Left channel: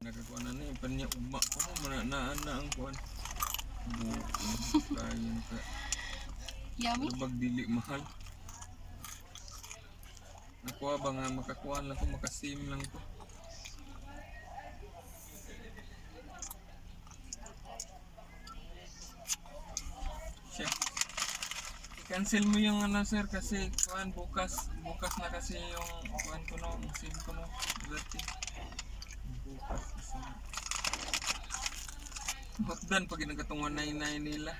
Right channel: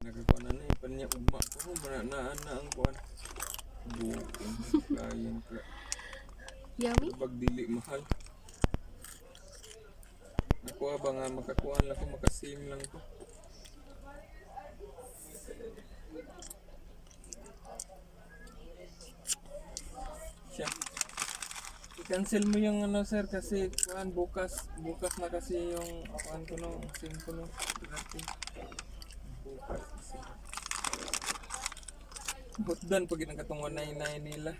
Nakakuan na ni panya ugma ko mananaan na ang kuan. Buong client ka. Yummy. Bag dili mahal. Nakuha ba nga makakuan lang ko, makasim lang ko. Siya. I-cancel mo yung ano sir kasi kuan bukas na kasi yung kuan ko no, sim ko no. Dati. Bukas kasi. Hotdan pag nagkatungan na inay nila.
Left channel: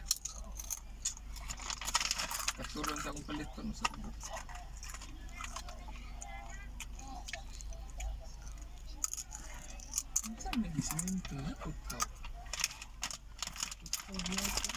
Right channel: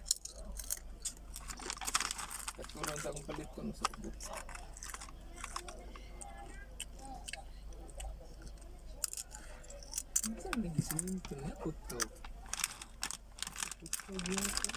Katuran sa akong palit ko no sa ubot. Saan nagisingin ito na? Ito. Ito yata.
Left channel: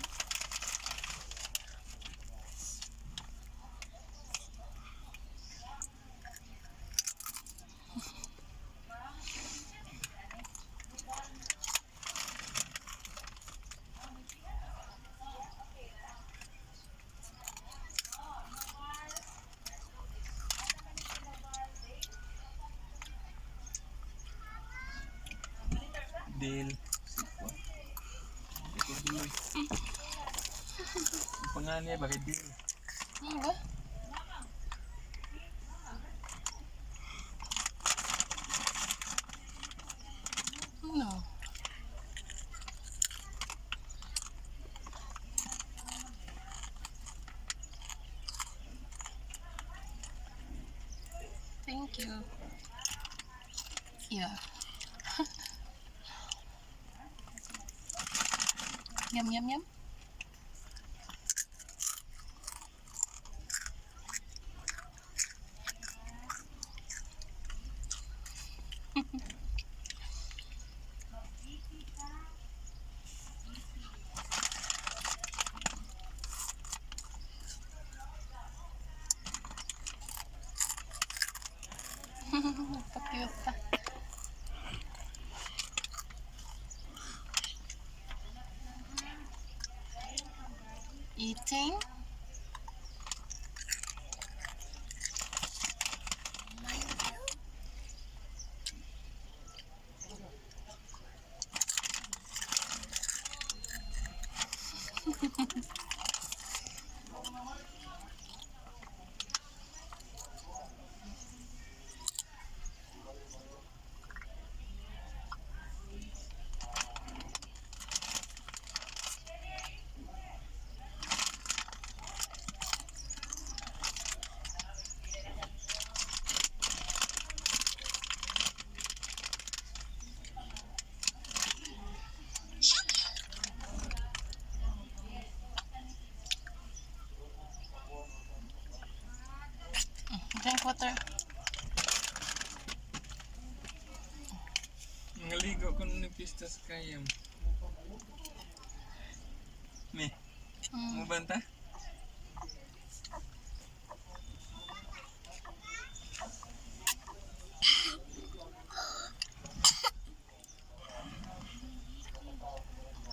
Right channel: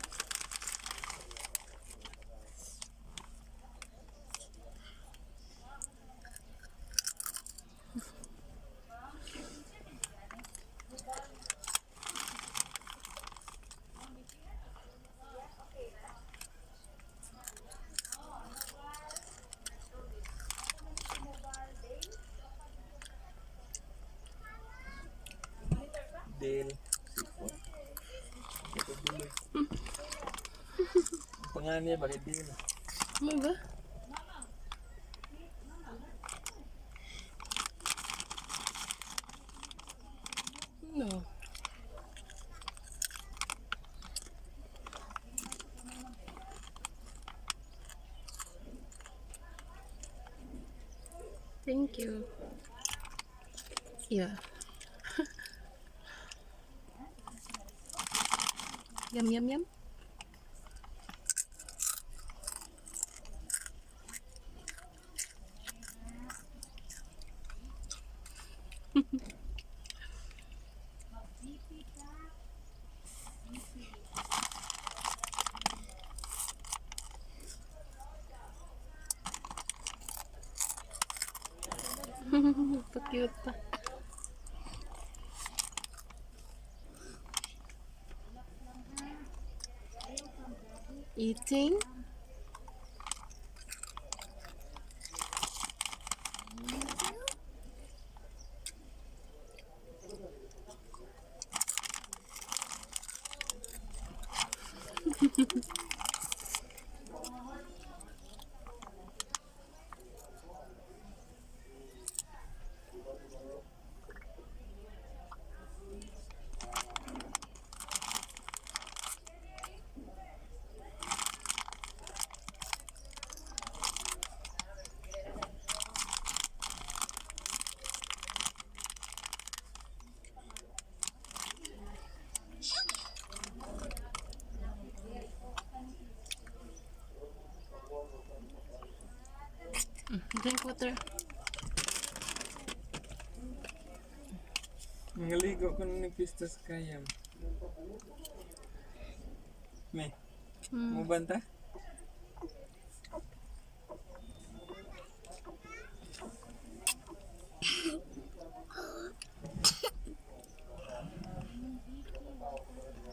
Del. Sipon. Ito tuloy. Ang pangalan niya bakit Del? Ano ba? Ano? Thank you. Yeah. Yum, yum, yum. Pa-cute pa. Eating. Drink water. Nangaligo ko nung nagpistas kayam. Me, mabanta?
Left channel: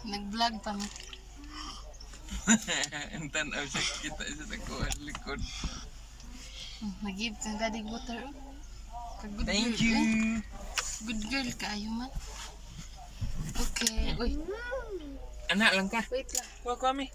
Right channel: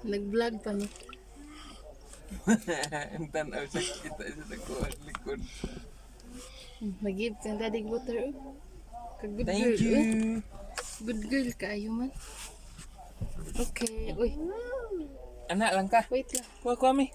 Nag-vlog pa mi. Ang tanaw siya kita sa kuwan likod. Nag-give kang dadig water. Good Thank girl, you. Eh. Good girl kayo man. Okay. Uy, Anak lang ka. wait lang. Kuha mi.